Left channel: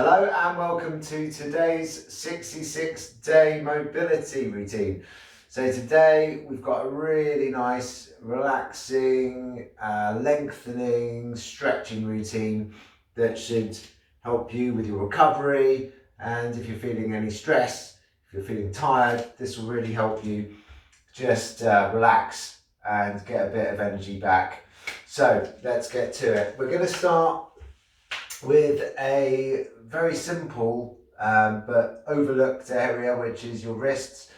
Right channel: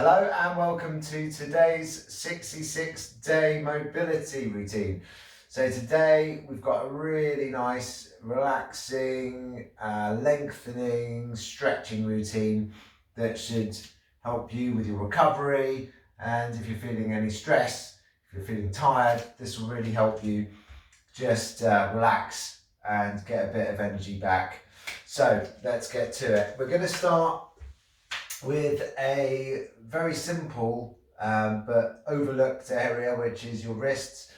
Hello and welcome to today's 66-day mobility routine. So today we've got a really nice, relaxing, lengthening, stretching routine that should help you with your recovery. And if you're feeling any stress, if you're feeling tired, this will really help you just relax and get a bit of energy back. So let's get to it. We're going to start with a very simple but overlooked area, which is your wrists.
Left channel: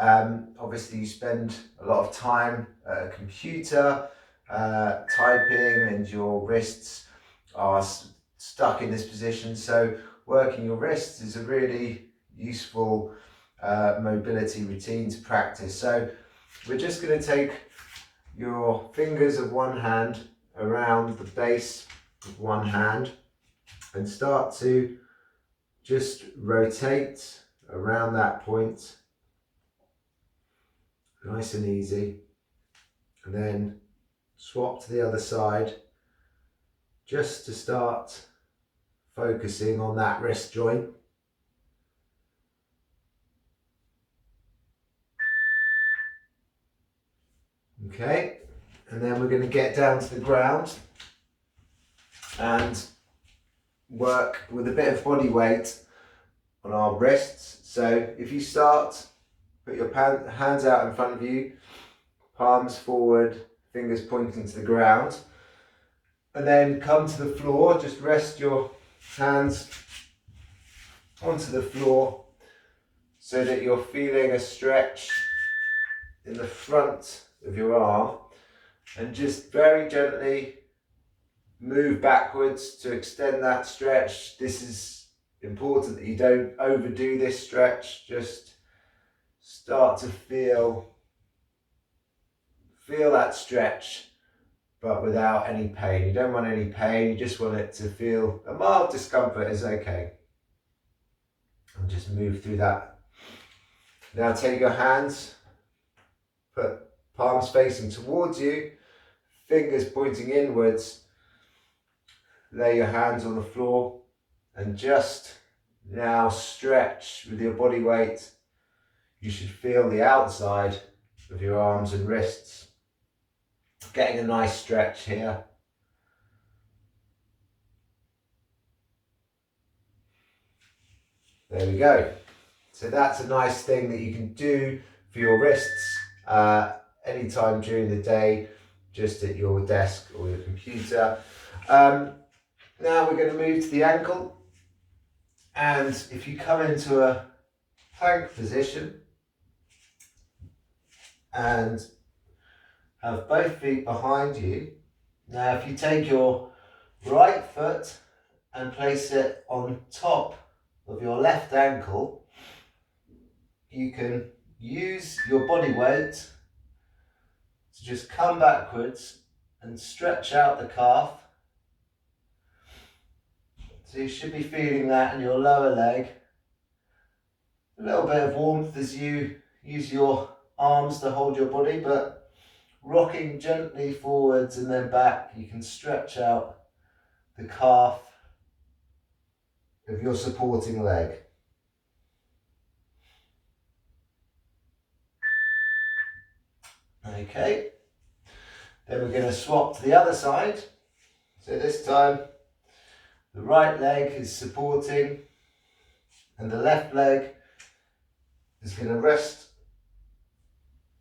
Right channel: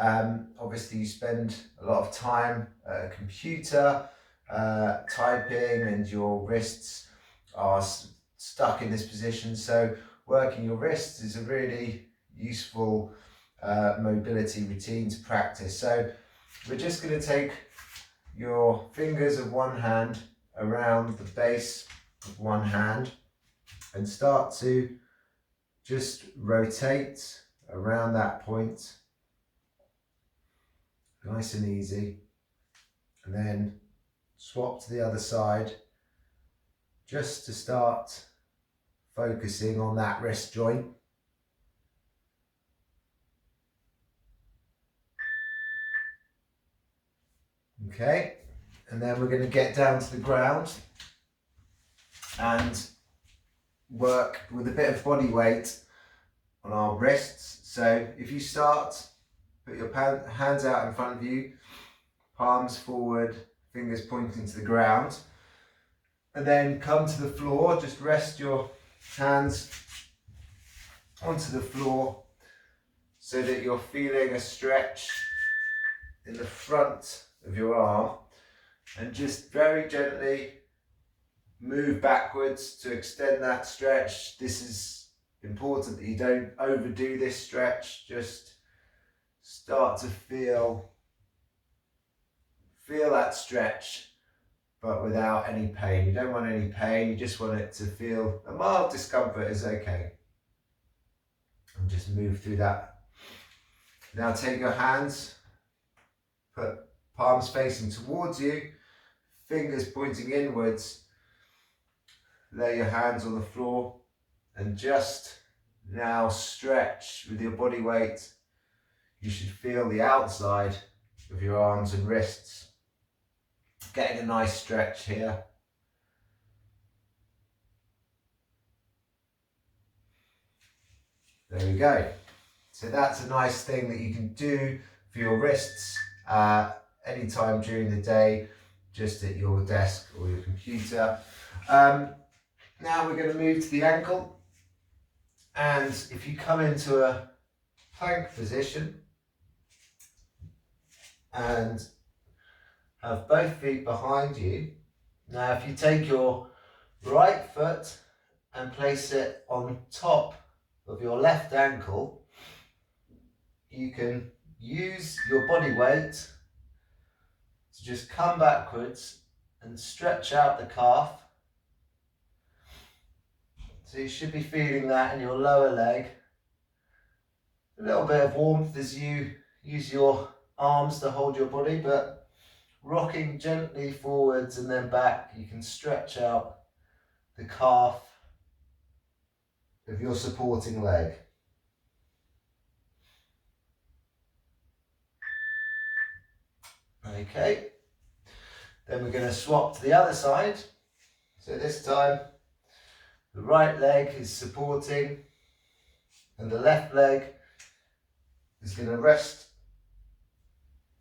Obviously you spend a lot of time at a computer typing, and your wrists are stuck in this position, so working your wrists is a really useful mobility routine to practice. So we're just going to take your fingers of one hand around the base of one hand and start to just rotate around that point, nice and easy, and then swap to the other side just to start focusing on that wrist joint. Okay, and then we're going to get down to the ground and work with a bit of body weight on our wrists. So if you start, put your hands out in front of you, palms forward, fingers pointing to the ground, and then come to the floor. Just rest your hands onto the floor so that you're feeling a stretch in the front of your arm, and just very gently move backwards to extend that stretch. This is important that you don't overdo this stretch. Just start to feel that stretch, but without any pain. You don't want any pain, you just want it to feel a mild discomfort is okay. And just move through that. Now take your hands, put palms facing towards you, fingers pointing inwards. Lay your hands on the floor and just now stretch with your body weight. You should feel the outside of your arms and wrists. Getting a nice stretch here. There we go. So that's a nice thing that you can do for your wrists anytime during the day, just at your desk or your computer. Now we're going to move to the ankle, and if you come into a plank position and have both feet behind you. Now if you take your right foot and place it on top of your left ankle, you can use your body weight to just come backwards and stretch out the calf. So you should be feeling that in your lower leg. A little bit of warmth as you use your arms to hold your body, but rocking gently forwards and then back, you can stretch out the calf of your supporting leg. Okay, then we're going to swap to the other side. So this time the right leg is supporting and the left leg is going to rest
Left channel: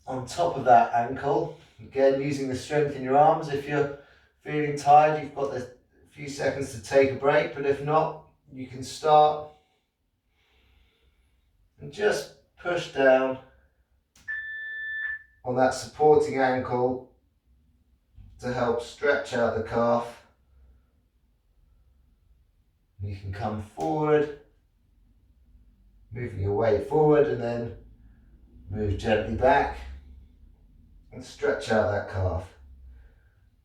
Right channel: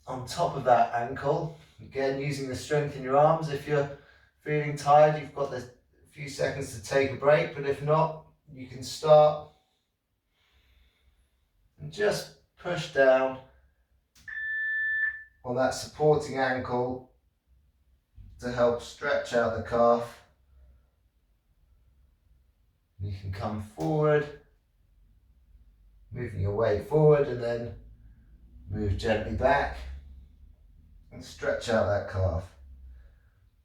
on top of that ankle. Again, using the strength in your arms. If you're feeling tired, you've got a few seconds to take a break, but if not, you can start and just push down on that supporting ankle to help stretch out the calf. You can come forward, moving your weight forward, and then move gently back and stretch out that calf.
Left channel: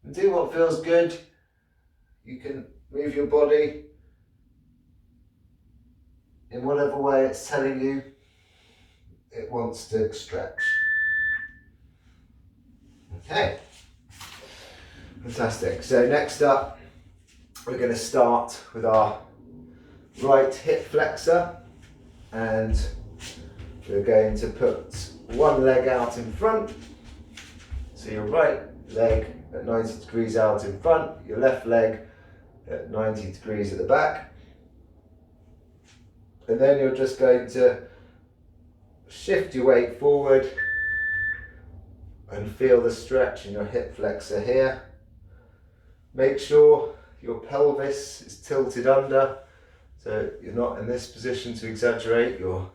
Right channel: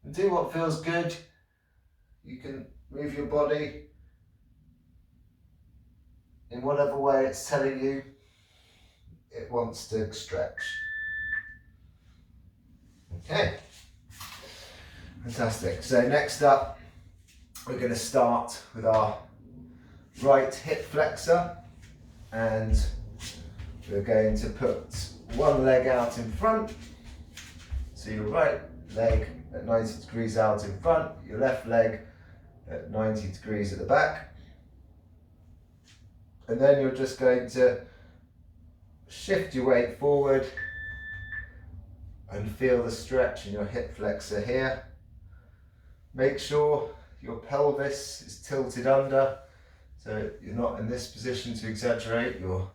And do what feels good. You can move your body in whatever way it's telling you it wants to stretch. Okay, fantastic. So next up, we're going to start with our right hip flexor, and we're going to put one leg out in front. So your right leg at 90 degrees out in front, your left leg at 90 degrees at the back. And then you're just going to shift your weight forward and feel the stretch in your hip flexor here. Make sure your pelvis is tilted under, so you're not in this position to exaggerate. You're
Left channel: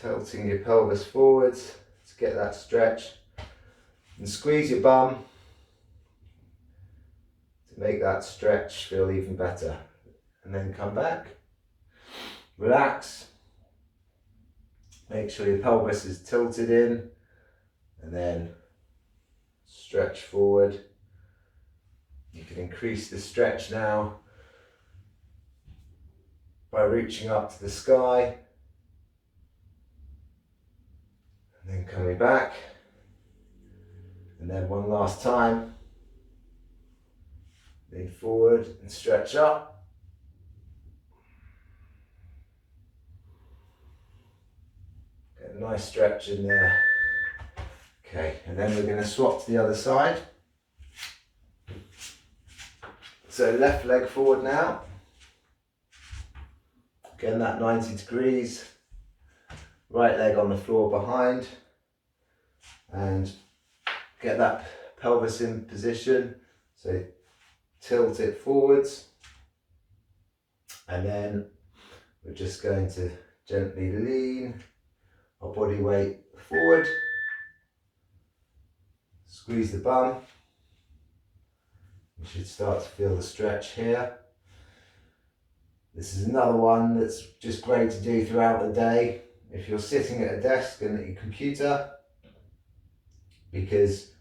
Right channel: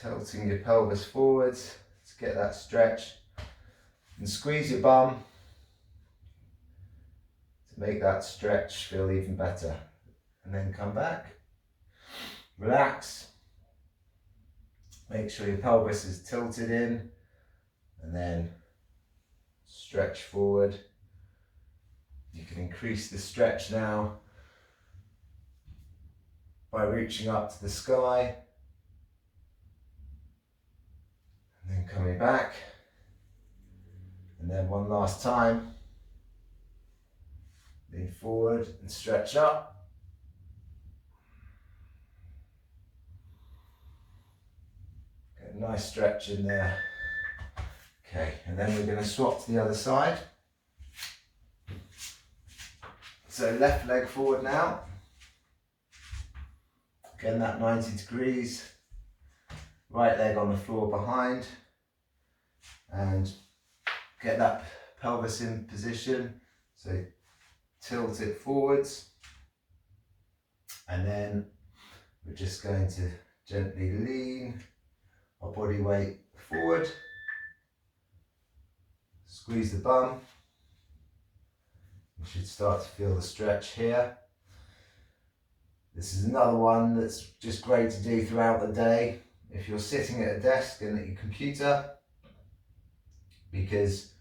tilting your pelvis forwards to get that stretch, and squeeze your bum to make that stretch feel even better. And then come back, relax, make sure your pelvis is tilted in, and then stretch forward. You can increase the stretch now by reaching up to the sky and then coming back. And then one last time, lean forward and stretch up. Get a nice stretch in there. Okay, and then we're going to swap to the other side. So left leg forward now. Again, that 90 degrees. Right leg on the floor behind. And get that pelvis in position. So tilt it forwards. And then we're just going to gently lean our body weight forward. Squeeze the bum. You should start to feel the stretch here. This is another one that's just great to do throughout the day if you're sitting at a desk and at your computer, because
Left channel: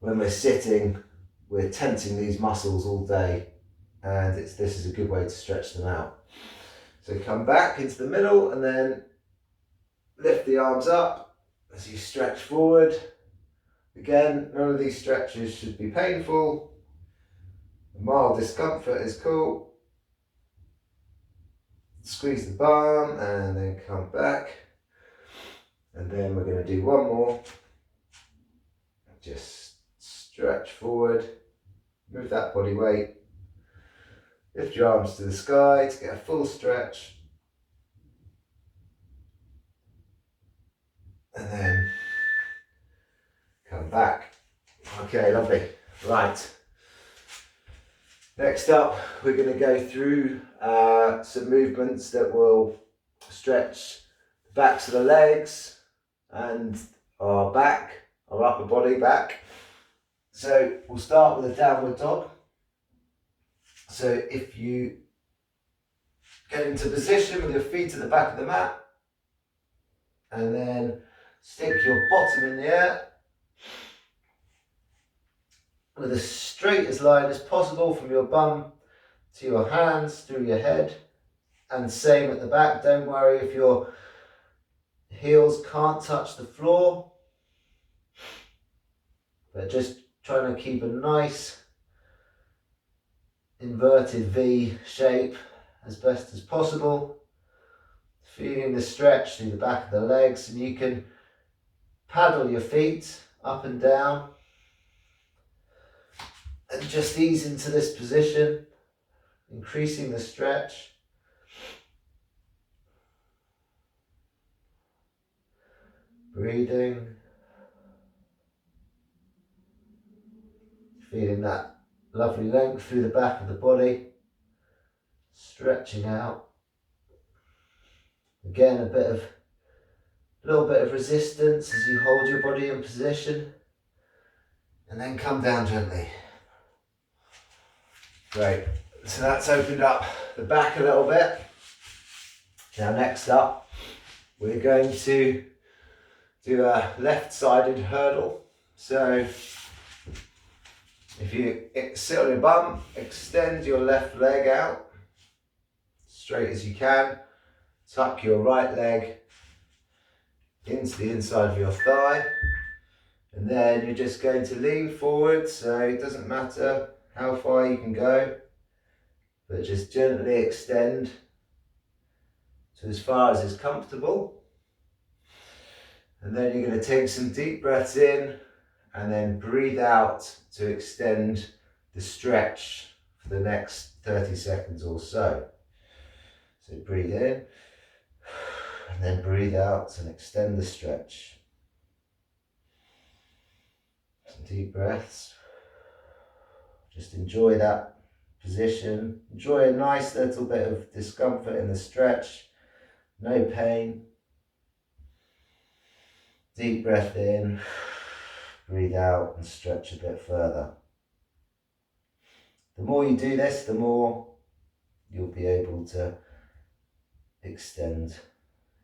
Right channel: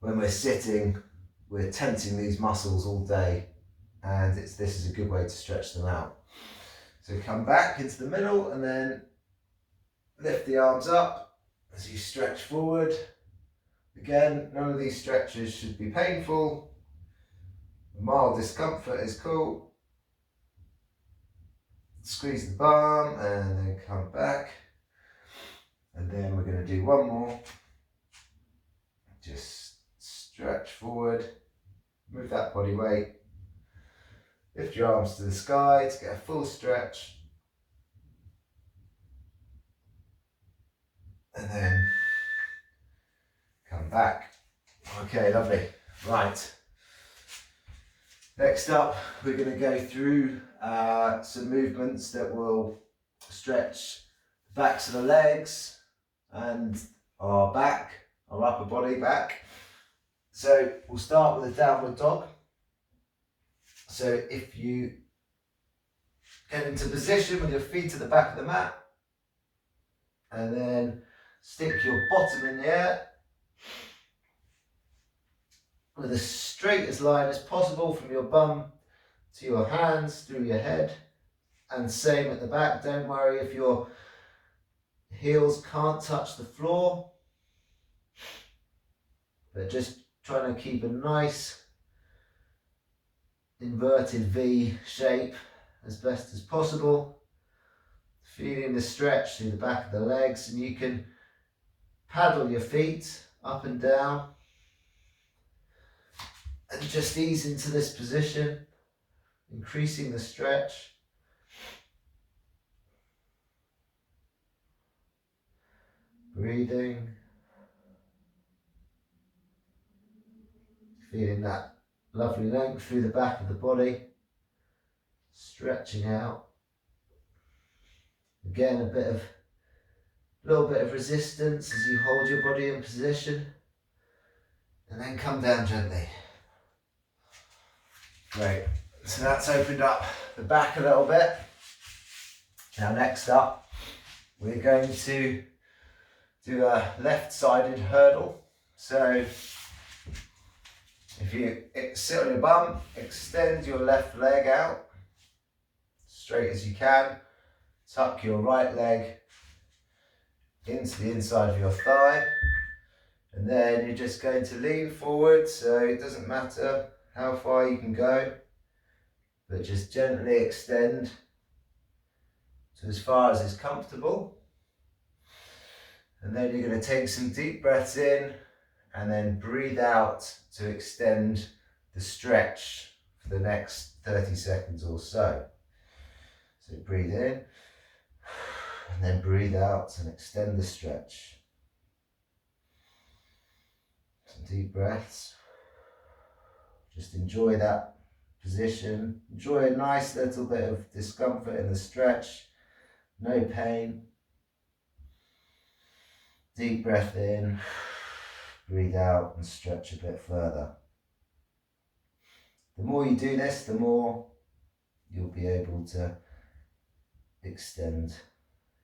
when we're sitting, we're tensing these muscles all day, and this is a good way to stretch them out. So come back into the middle and then lift the arms up as you stretch forward. Again, none of these stretches should be painful. Mild discomfort is cool. Squeeze the bum and then come back. And then we're going to do one more. Just stretch forward. Move that body weight. Lift your arms to the sky to get a full stretch. And then come back. Okay, lovely. Right. Next up, we're going to go through some movements that will stretch the backs of the legs and our back, our upper body back. So we'll start with a downward dog. So if you get into position with your feet at the back of the mat, and then stick your bottom in the air with as straight as line as possible from your bum to your hands, through your head, and same at the back. Don't worry if your heels can't touch the floor, but just trying to keep a nice inverted V shape as best as possible. Feeling the stretch through the back of the legs, and you can paddle your feet up and down and just ease into this position, increasing the stretch. Breathing. Feeling that lovely length through the back of the body, stretching out. Again, a little bit of resistance as you hold your body in position, and then come down gently. Great. So that's opened up the back a little bit. Now next up, we're going to do a left-sided hurdle. So if you sit on your bum, extend your left leg out, straight as you can. Tuck your right leg into the inside of your thigh. And then you're just going to lean forward, so it doesn't matter how far you can go. but just gently extend to as far as is comfortable. And then you're going to take some deep breaths in and then breathe out to extend the stretch for the next 30 seconds or so. So breathe in and then breathe out and extend the stretch. Some deep breaths. Just enjoy that position. Enjoy a nice little bit of discomfort in the stretch. No pain. Deep breath in, breathe out and stretch a bit further. The more you do this, the more you'll be able to extend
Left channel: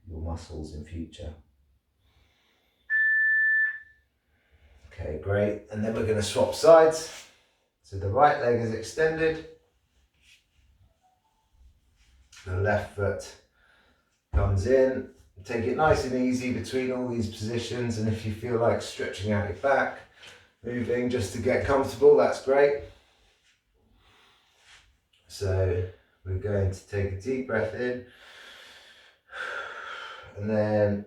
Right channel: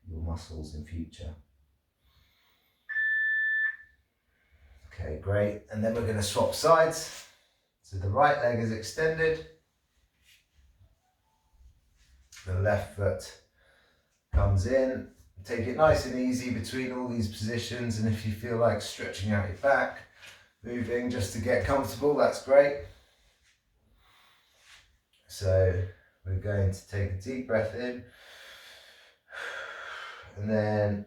your muscles in future. Okay, great. And then we're going to swap sides. So the right leg is extended. The left foot comes in. Take it nice and easy between all these positions, and if you feel like stretching out your back, moving just to get comfortable, that's great. So we're going to take a deep breath in and then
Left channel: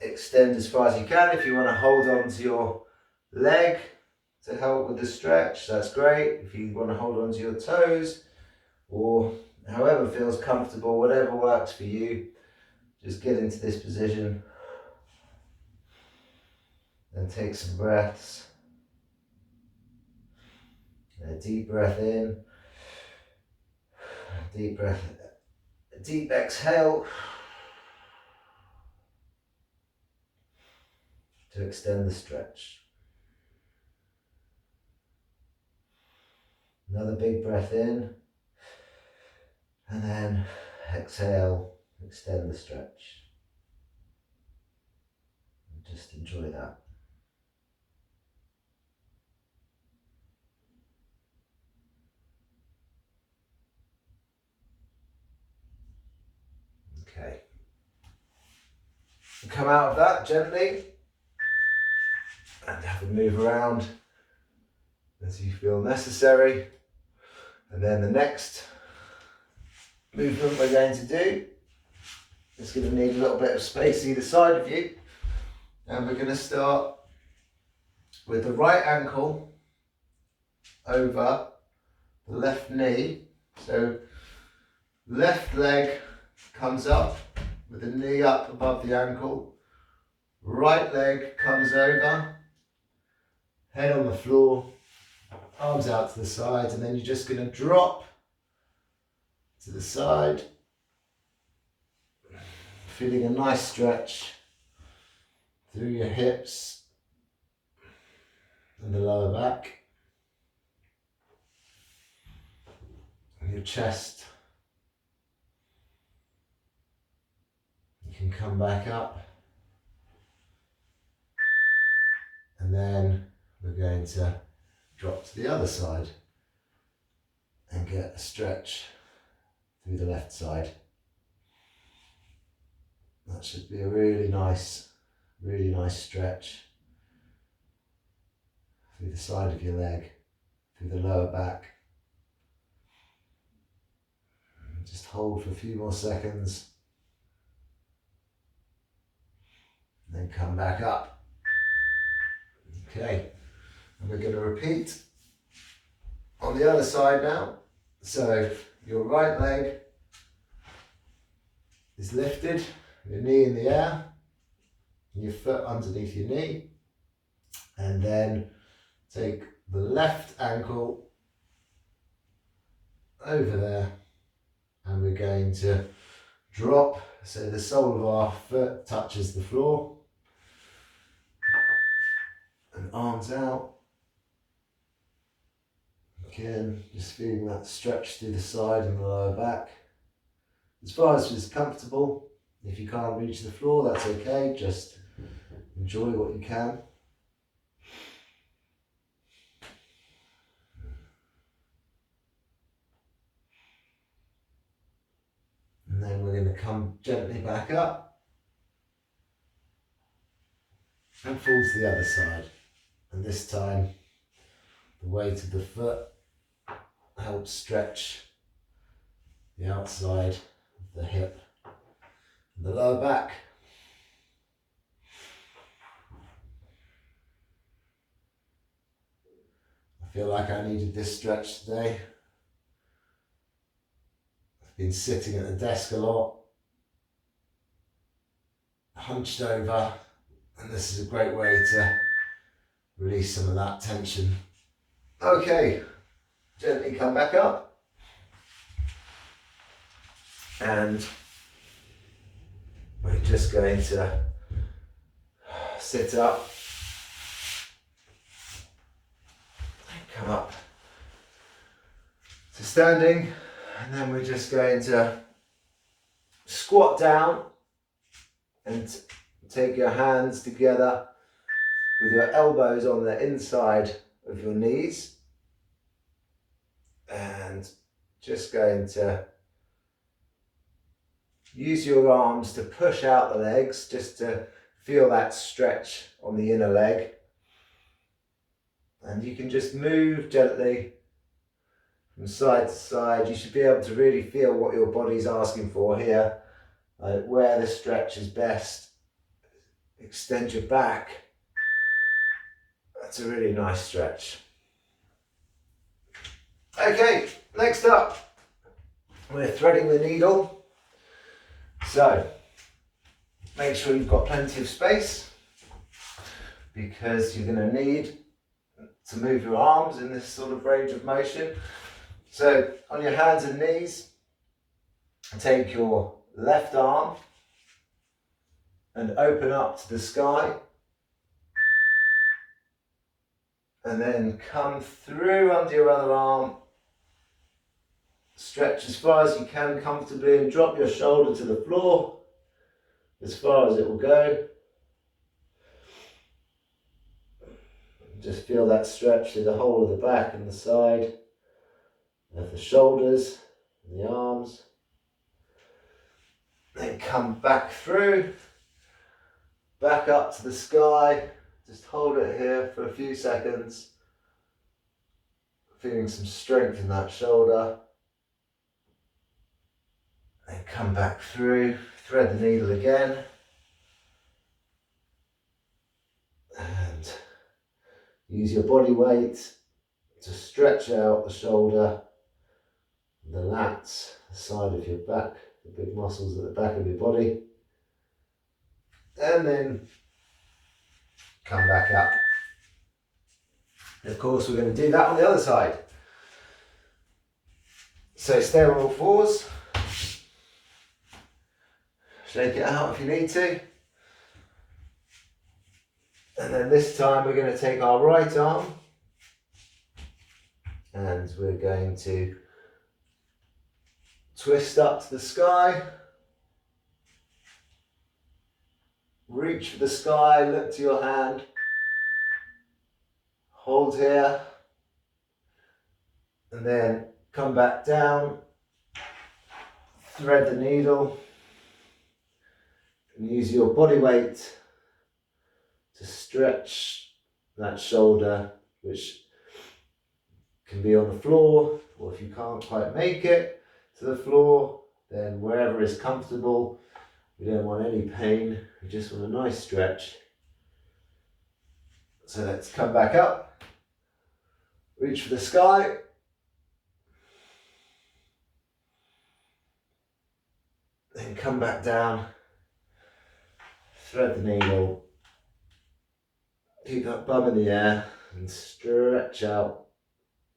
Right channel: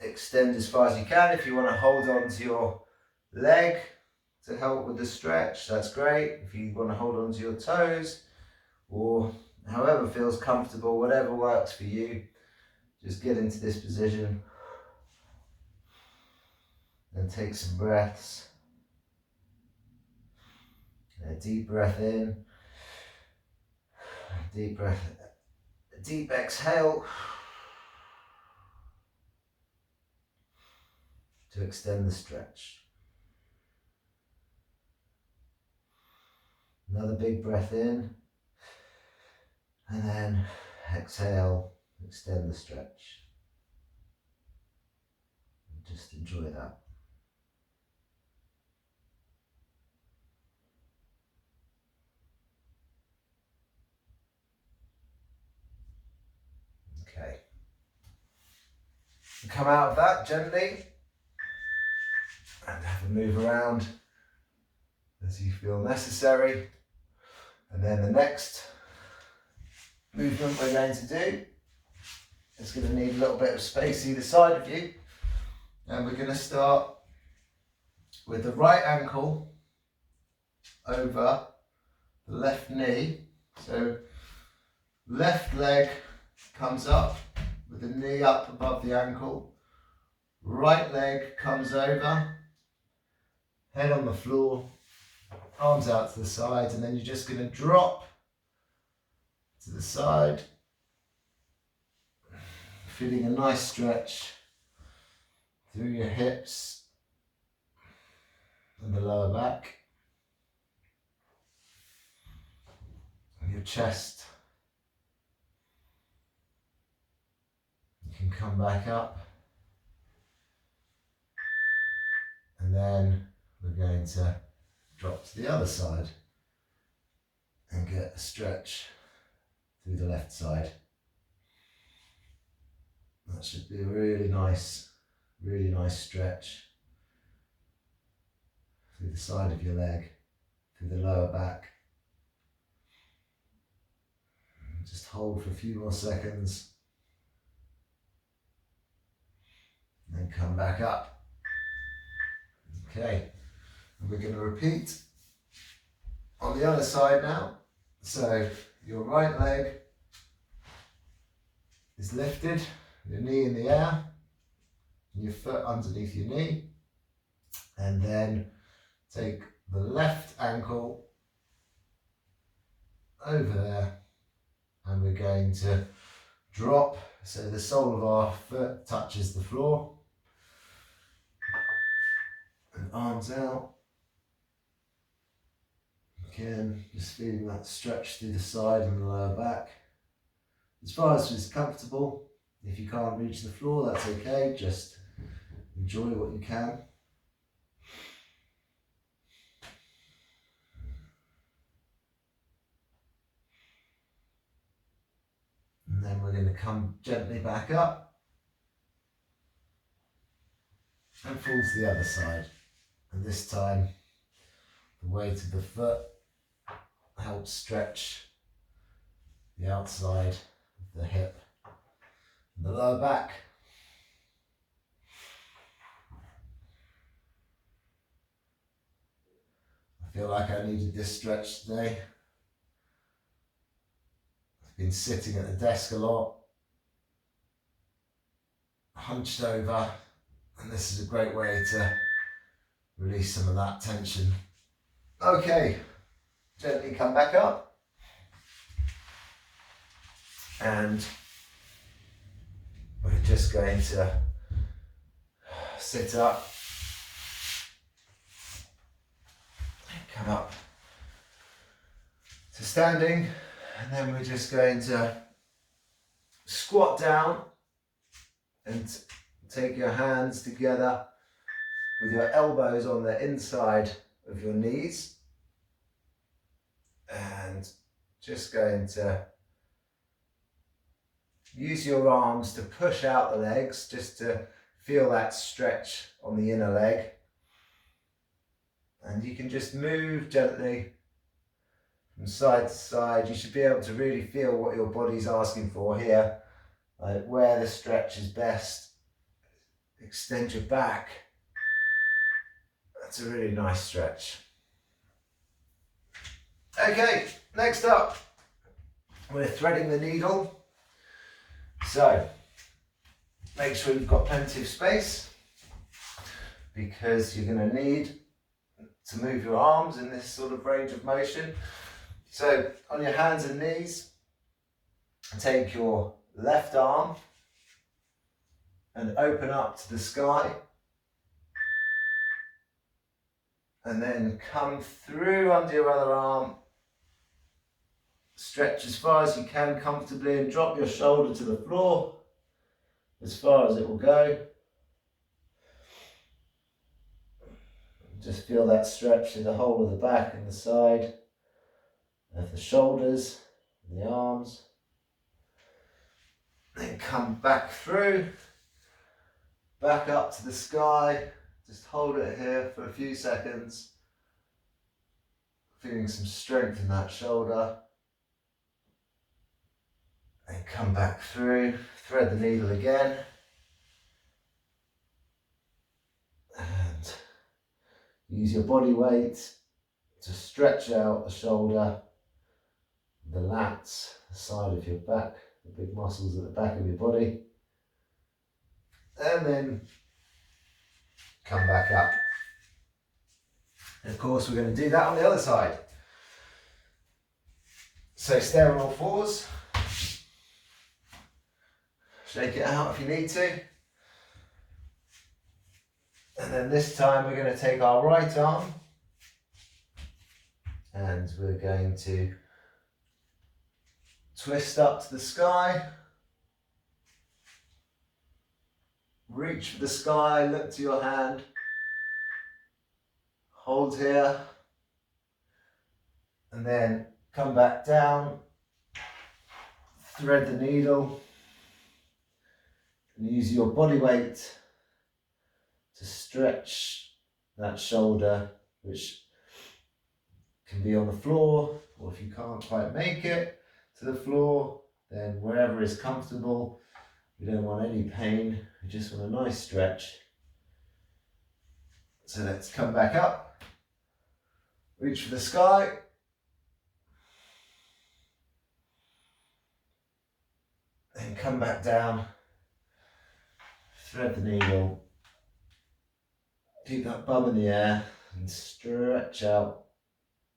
extend as far as you can. If you want to hold on to your leg to help with the stretch, that's great. If you want to hold on to your toes or however feels comfortable, whatever works for you, just get into this position and take some breaths. A deep breath in, a deep breath, a deep exhale to extend the stretch. Another big breath in, and then exhale, extend the stretch. And just enjoy that. Okay. Come out of that gently and have a move around as you feel necessary. And then the next movement we're going to do is going to need a little bit of space either side of you. And we're going to start with the right ankle over the left knee. So left leg comes up with the knee up above the ankle. Right leg comes over, head on the floor, arms out to the side, and then you're just going to drop to the side, feeling a nice stretch through your hips and the lower back, and your chest. You can come back up, and then we're going to drop to the other side and get a stretch through the left side. That should be a really nice stretch through the side of your leg, through the lower back. And just hold for a few more seconds. And then come back up. Okay, and we're going to repeat on the other side now. So your right leg is lifted, your knee in the air, your foot underneath your knee, and then take the left ankle over there, and we're going to drop so the sole of our foot touches the floor, and arms out. Again, just feeling that stretch through the side and the lower back. As far as is comfortable. If you can't reach the floor, that's okay. Just enjoy what you can. And then we're going to come gently back up and fall to the other side. And this time, the weight of the foot helps stretch the outside of the hip and the lower back. I feel like I needed this stretch today. I've been sitting at the desk a lot, hunched over, and this is a great way to release some of that tension. Okay, gently come back up. And we're just going to sit up, come up to standing, and then we're just going to squat down and take your hands together with your elbows on the inside of your knees, and just going to use your arms to push out the legs, just to feel that stretch on the inner leg. And you can just move gently from side to side. You should be able to really feel what your body's asking for here, like where the stretch is best. Extend your back. That's a really nice stretch. Okay, next up, we're threading the needle. So, make sure you've got plenty of space, because you're going to need to move your arms in this sort of range of motion. So, on your hands and knees, take your left arm and open up to the sky, and then come through under your other arm, stretch as far as you can comfortably, and drop your shoulder to the floor as far as it will go. Just feel that stretch through the whole of the back and the side of the shoulders and the arms. Then come back through, back up to the sky. Just hold it here for a few seconds, feeling some strength in that shoulder. And come back through, thread the needle again. And use your body weight to stretch out the shoulder, the lats, the side of your back, the big muscles at the back of your body. And then come back up. And of course, we're going to do that on the other side. So stay on all fours. Shake it out if you need to. And then this time we're going to take our right arm and we're going to twist up to the sky. Reach for the sky, look to your hand. Hold here. And then come back down. Thread the needle. And use your body weight to stretch that shoulder, which can be on the floor, or if you can't quite make it to the floor, then wherever is comfortable. We don't want any pain, we just want a nice stretch. So let's come back up, reach for the sky. Then come back down. Thread the needle, keep that bum in the air and stretch out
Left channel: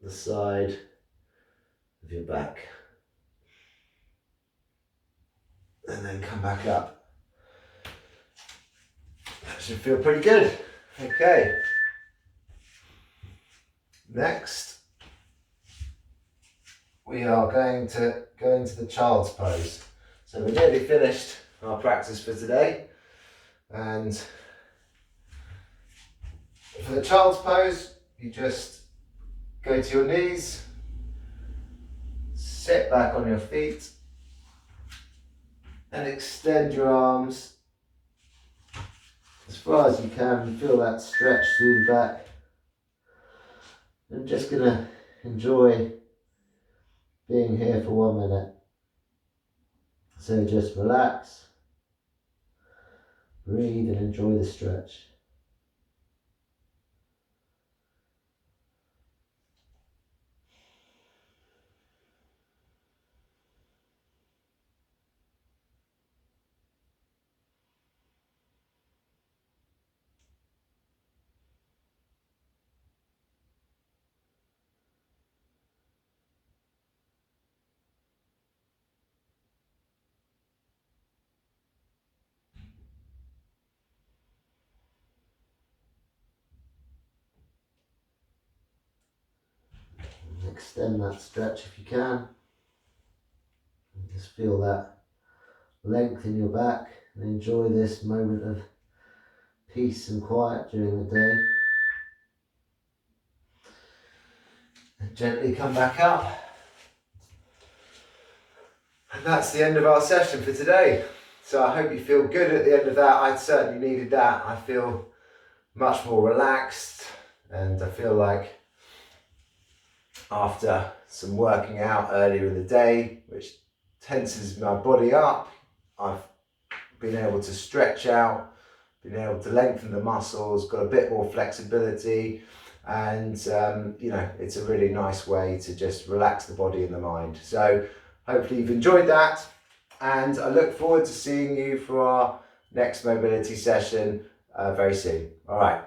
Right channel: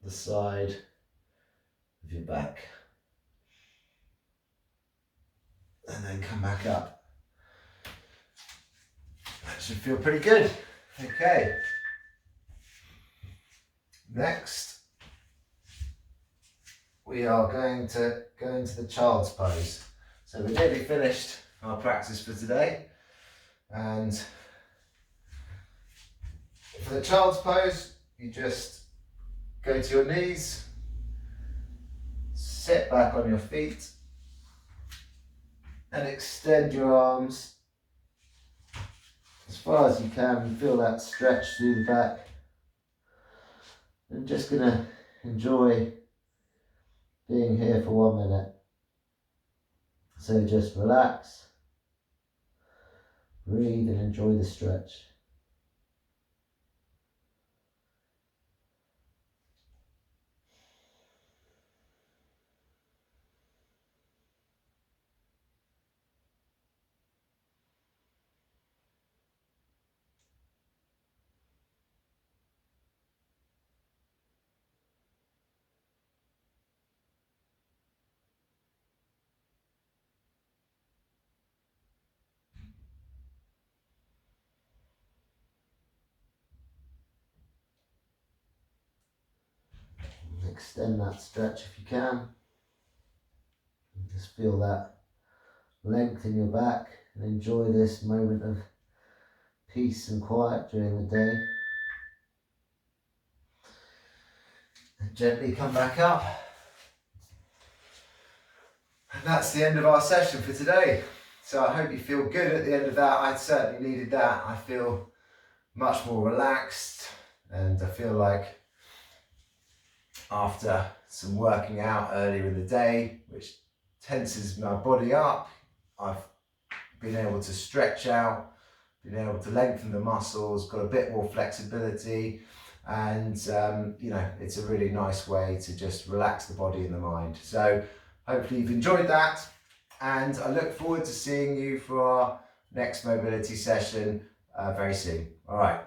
the side of your back. And then come back up. That should feel pretty good. Okay. Next, we are going to go into the child's pose. So we're nearly finished our practice for today. And for the child's pose, you just go to your knees, sit back on your feet, and extend your arms as far as you can. Feel that stretch through the back. I'm just going to enjoy being here for 1 minute. So just relax, breathe and enjoy the stretch. Extend that stretch if you can. Just feel that length in your back and enjoy this moment of peace and quiet during the day. And gently come back up. And that's the end of our session for today. So I hope you feel good at the end of that. I certainly needed that. I feel much more relaxed, and I feel like after some working out earlier in the day, which tenses my body up, I've been able to stretch out, been able to lengthen the muscles, got a bit more flexibility, and you know, it's a really nice way to just relax the body and the mind. So hopefully you've enjoyed that, and I look forward to seeing you for our next mobility session very soon. All right.